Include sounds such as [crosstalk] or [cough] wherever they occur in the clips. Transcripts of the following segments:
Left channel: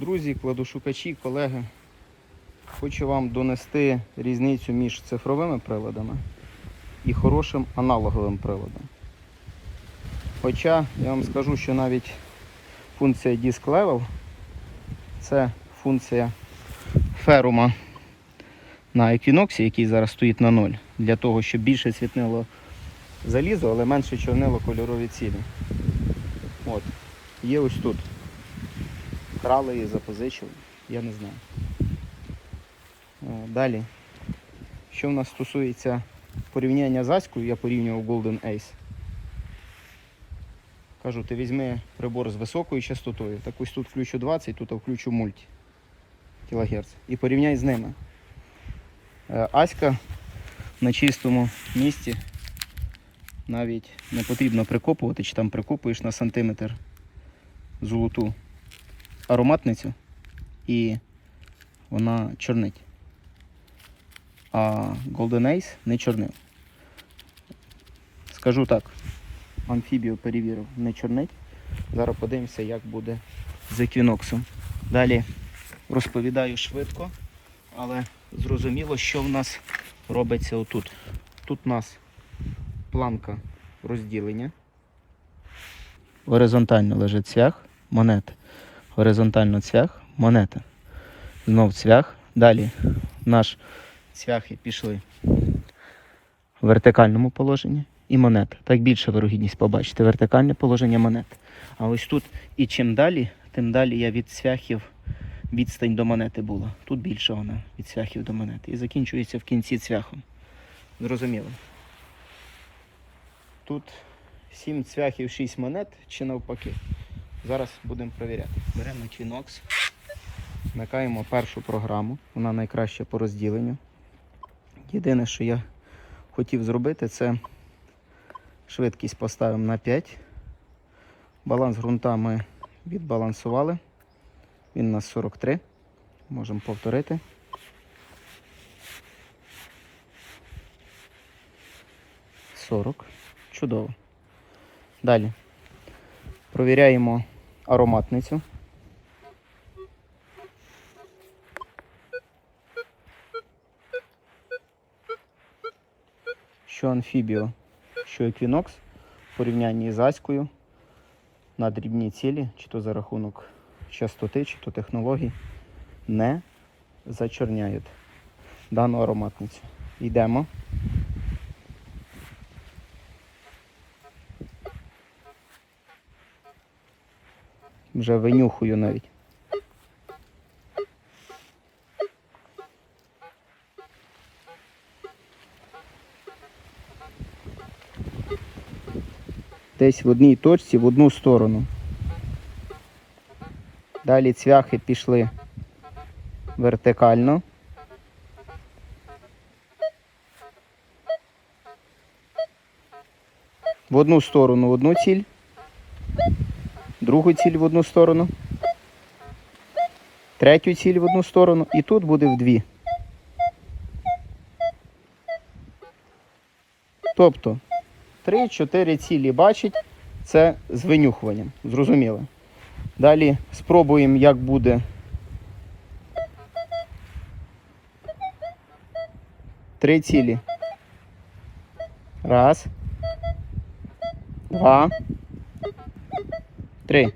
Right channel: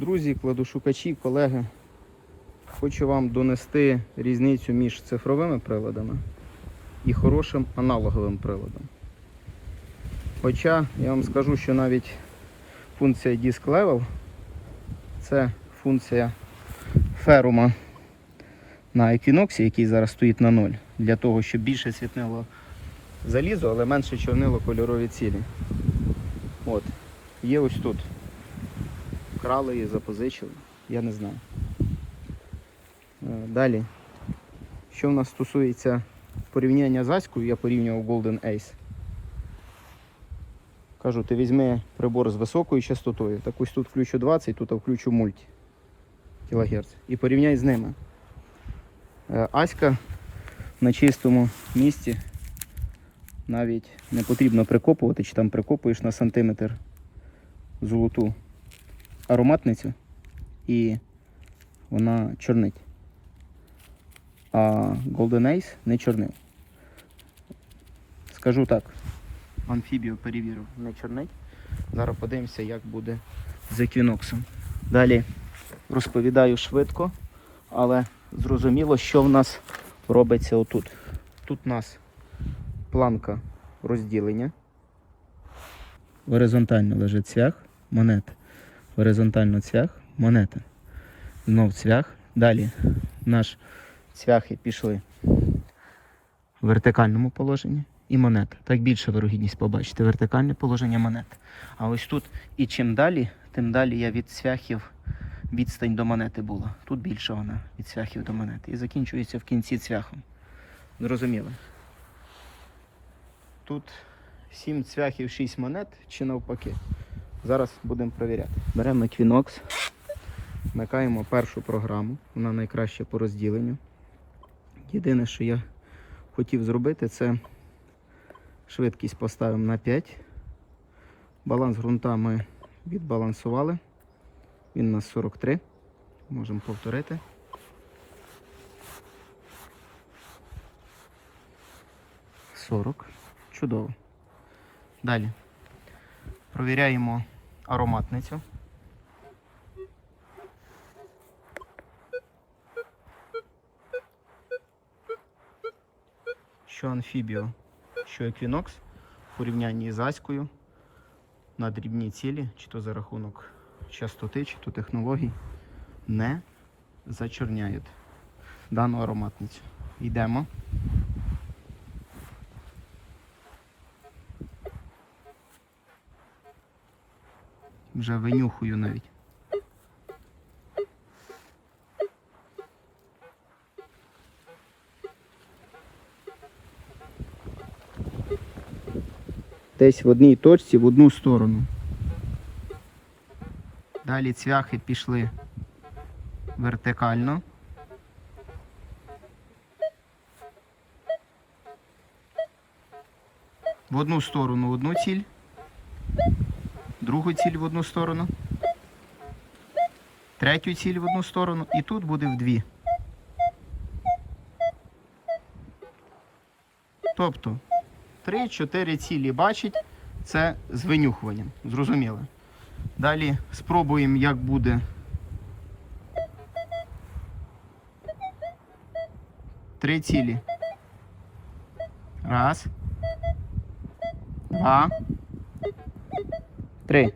Друзі, кладошукачі, колеги, хочу вам донести різницю між цифровими приладами і хорошим аналоговим приладом. Хоча я вам скажу, що навіть функція Disk Level це функція ферума на Equinox, який зараз стоїть на 0, для того, щоб більше світнило залізо, але менше чорнило кольорові цілі. От. Є ось тут. Крали її, запозичили, я не знаю. Е, Далі. Що в нас стосується порівняння з Аською, я порівнював Golden Ace. Кажу, ти візьми прибор з високою частотою, так ось тут включу 20, тут включу мульті кілогерц. І порівняй з ними. Е, Аська на чистому місці навіть не потрібно прикопувати, чи там прикопуєш на сантиметр золоту ароматницю і вона чорнить. А Golden Ace не чорнив. Скажу так, амфібію перевірив, не чорнить. Зараз подивимося, як буде з еквіноксом. Далі розповідаю швидко, але зрозуміло, що в нас робиться отут. Тут у нас планка розділення. Горизонтально лежить цвях, монета. Горизонтально цвях, монета. Знов цвях. Далі наш цвяхи пішли в вертикальному положенні і монета. Так більша вирогідність побачити. Вертикальне положення монет. А ось тут і чим далі, тим далі я від цвяхів відстань до монети була. Тут більше вона від цвяхів до монети. І закінчується в кінці цвяхом. Зрозуміло. Тут 7 цвяхів, 6 монет чи навпаки. Зараз будемо перевіряти. Беремо Twinox, вмикаємо першу програму, вона найкраща по розділенню. Єдине, що я хотів зробити, це швидкість поставимо на 5. Баланс ґрунта ми відбалансували. Він у нас 43. Можемо повторити. Сорок. Чудово. Далі. Провіряємо ароматницю. Що амфібіо, що еквінокс в порівнянні з аською на дрібні цілі, чи то за рахунок частоти, чи то технологій, не зачорняють дану ароматницю. Йдемо. Вже винюхую навіть. Десь в одній точці в одну сторону. Далі цвяхи пішли вертикально. В одну сторону одну ціль, другу ціль в одну сторону, третю ціль в одну сторону і тут буде в дві. Тобто 3-4 цілі бачить, це з винюхуванням. Зрозуміло. Далі спробуємо, як буде. Три цілі. Раз. Два. Три.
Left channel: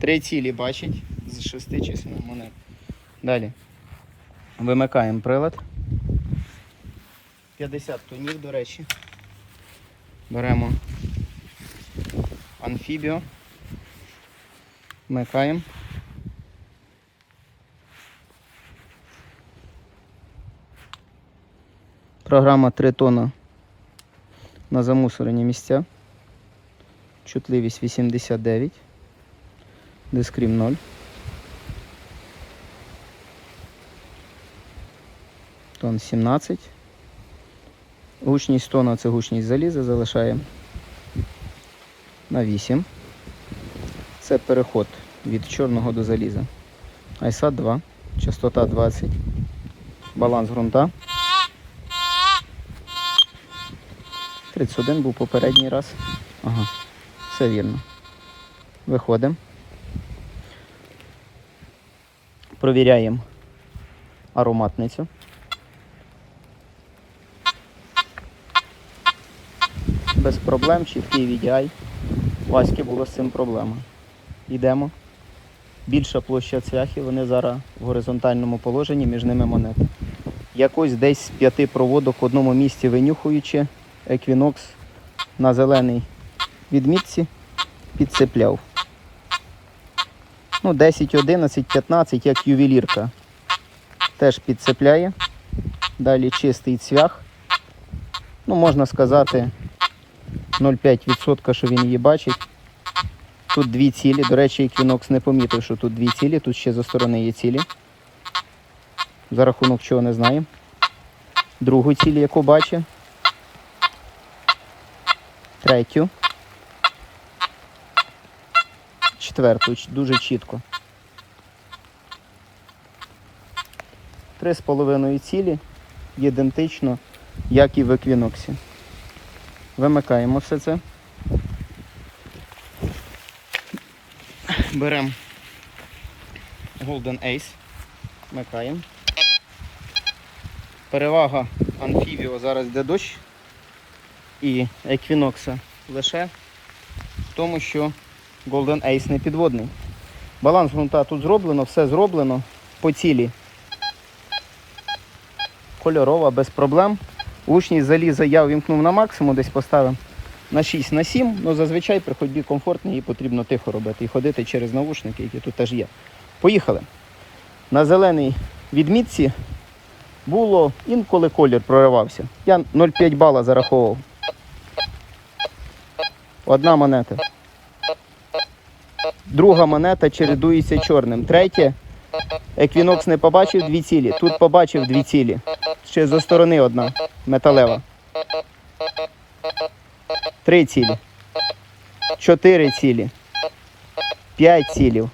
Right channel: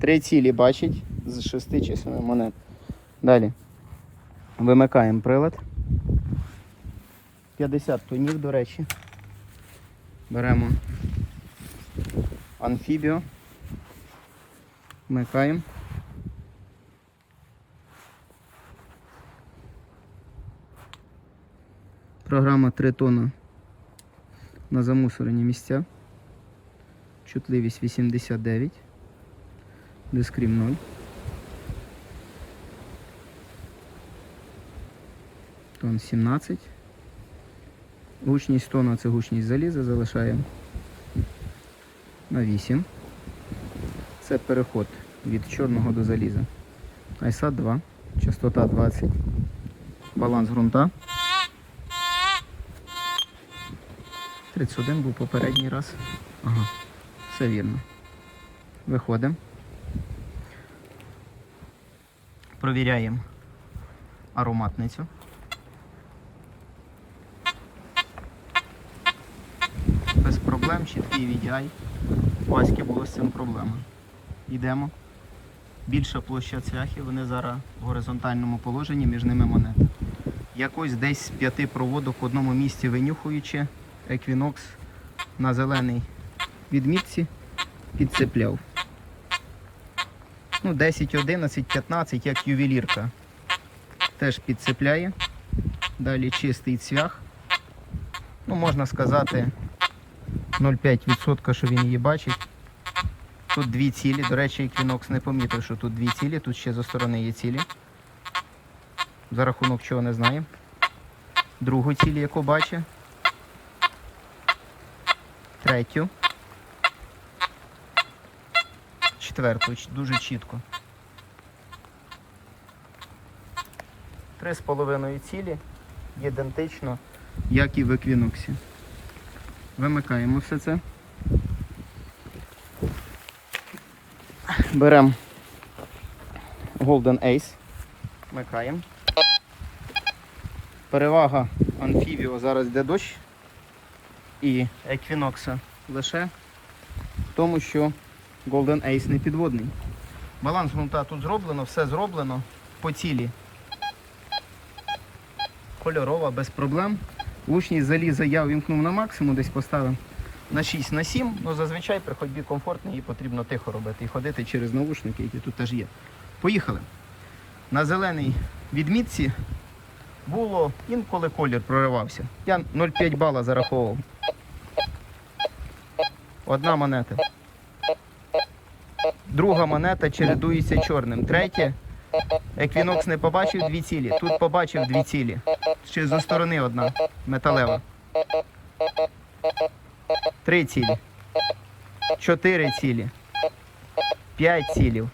Три цілі бачить з шести численних монет. Далі. Вимикаємо прилад. 50 тонів, до речі. Беремо амфібіо. Вмикаємо. Програма 3 тонна на замусорені місця. Чутливість 89. Дискрім 0. Тон 17. Гучність тона це гучність заліза, залишаємо на 8. Це переход від чорного до заліза. ISAT 2, частота 20, баланс ґрунта. 31 був попередній раз. Ага, все вірно. Виходимо. провіряємо ароматницю. Без проблем, чіткий VDI. Васьки було з цим проблема. Йдемо. Більша площа цвяхів, вони зараз в горизонтальному положенні, між ними монети. Якось десь з п'яти проводок в одному місці винюхуючи, еквінокс на зеленій відмітці підцепляв. Ну, 10, 11, 15, як ювелірка. Теж підцепляє. Далі чистий цвях. Ну, можна сказати, 0,5%, що він її бачить. Тут дві цілі. До речі, Equinox не помітив, що тут дві цілі, тут ще зі сторони є цілі. За рахунок чого не знаю. Другу ціль, яку бачить. Третю. Четверту, дуже чітко. Три з половиною цілі ідентично, як і в еквіноксі. Вимикаємо все це. Беремо Golden Ace. Вмикаємо. Перевага Amphibio зараз йде дощ і Equinox лише в тому, що Golden Ace не підводний. Баланс ґрунта тут зроблено, все зроблено по цілі. Кольорова, без проблем. Лучність заліза я увімкнув на максимум, десь поставив на 6 на 7, ну зазвичай при ходьбі комфортно, її потрібно тихо робити і ходити через навушники, які тут теж є. Поїхали. На зеленій відмітці було інколи колір проривався. Я 0,5 бала зараховував. Одна монета. Друга монета чередується чорним. Третє. Еквінокс не побачив дві цілі. Тут побачив дві цілі. Ще зі сторони одна металева. Три цілі. Чотири цілі. П'ять цілів.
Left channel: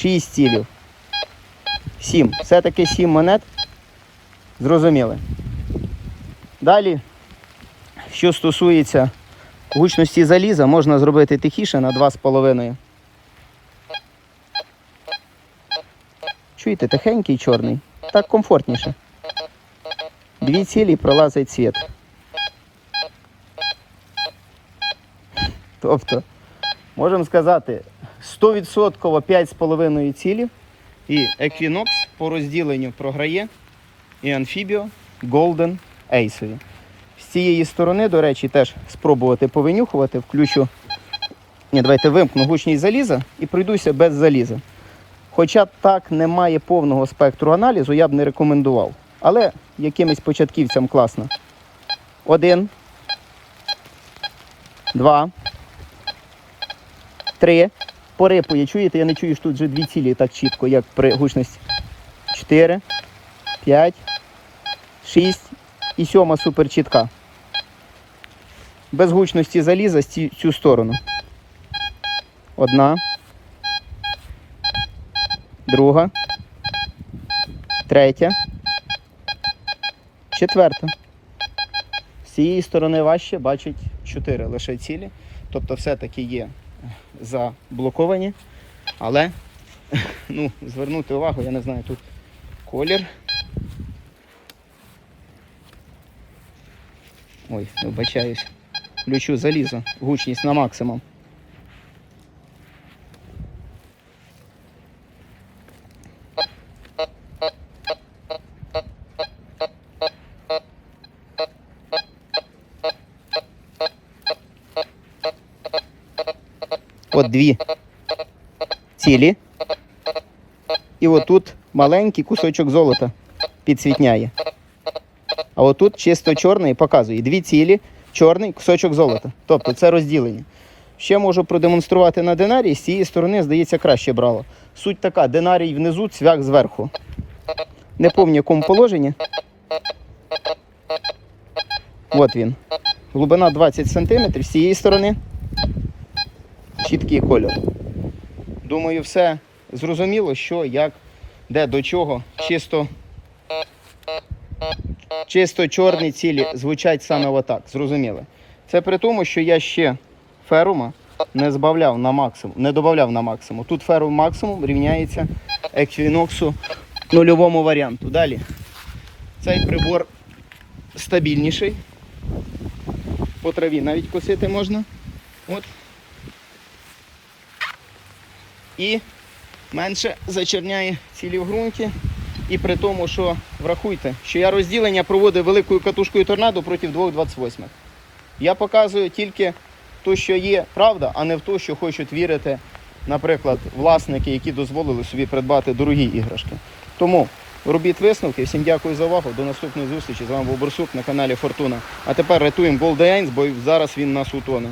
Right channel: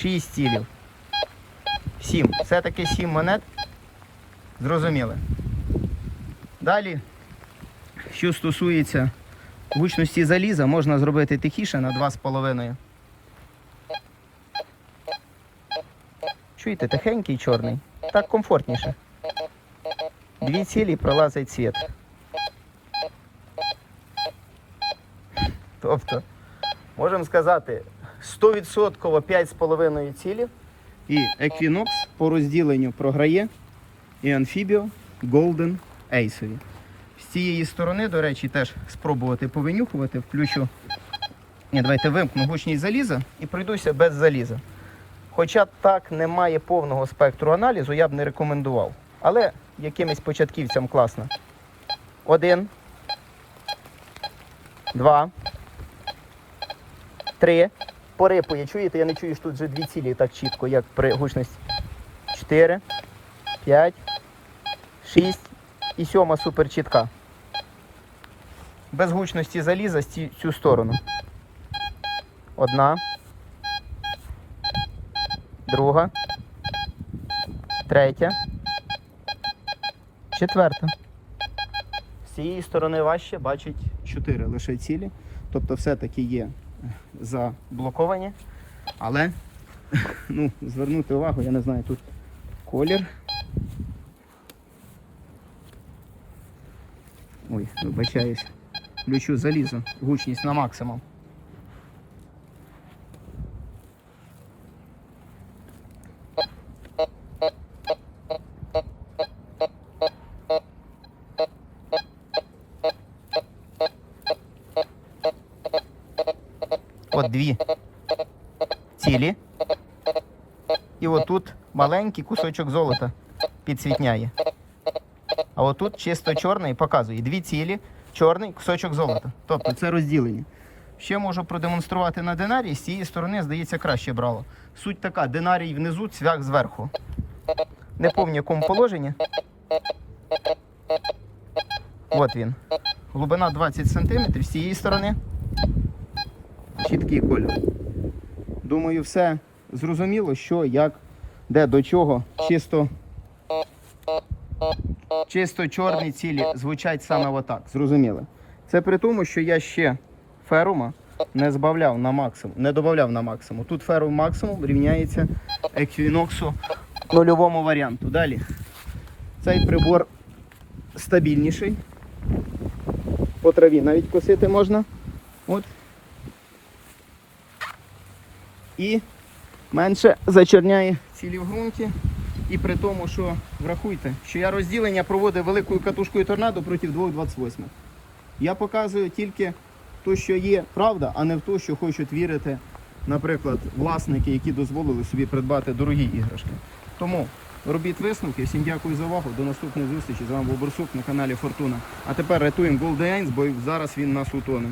Шість цілів. Сім. Все-таки сім монет. Зрозуміли. Далі, що стосується гучності заліза, можна зробити тихіше на 2,5. Чуєте, тихенький чорний. Так комфортніше. Дві цілі пролазить світ. Тобто, можемо сказати, 100% 5,5 цілі. І Equinox по розділенню програє і Amphibio Golden Ace. З цієї сторони, до речі, теж спробувати повинюхувати. Включу. Ні, давайте вимкну гучність заліза і пройдуся без заліза. Хоча так немає повного спектру аналізу, я б не рекомендував. Але якимось початківцям класно. Один. Два. Три. Порипує, чуєте? Я не чую, що тут вже дві цілі так чітко, як при гучності. Чотири. П'ять. Шість. І сьома супер чітка. Без гучності заліза з цю сторону. Одна. Друга. Третя. Четверта. З цієї сторони важче бачить 4 лише цілі. Тобто все-таки є заблоковані. Але [laughs] ну, звернути увагу, я не знаю, тут колір. Ой, вибачаюсь. Включу залізо, гучність на максимум. От дві цілі. І отут маленький кусочок золота підсвітняє. А отут чисто чорний показує дві цілі, чорний кусочок золота. Тобто це розділення. Ще можу продемонструвати на динарії, з цієї сторони, здається, краще брало. Суть така: динарій внизу, цвях зверху. Не пам'ятаю, якому положенні. От він. Глибина 20 см з цієї сторони. Чіткий кольор. Думаю, все зрозуміло, що, як, де, до чого. Чисто, чисто чорні цілі звучать саме отак. Зрозуміло. Це при тому, що я ще ферума не збавляв на максимум, не додавав на максимум. Тут феру максимум рівняється еквіноксу нульовому варіанту. Далі. Цей прибор стабільніший. По траві навіть косити можна. От. І менше зачерняє цілі в ґрунті. І при тому, що врахуйте, що я розділення проводив великою катушкою торнадо проти 2,28. Я показую тільки те, що є правда, а не в те, що хочуть вірити, наприклад, власники, які дозволили собі придбати дорогі іграшки. Тому робіть висновки. Всім дякую за увагу. До наступної зустрічі. З вами був Борсук на каналі Фортуна. А тепер рятуємо Голденс, бо зараз він нас утоне.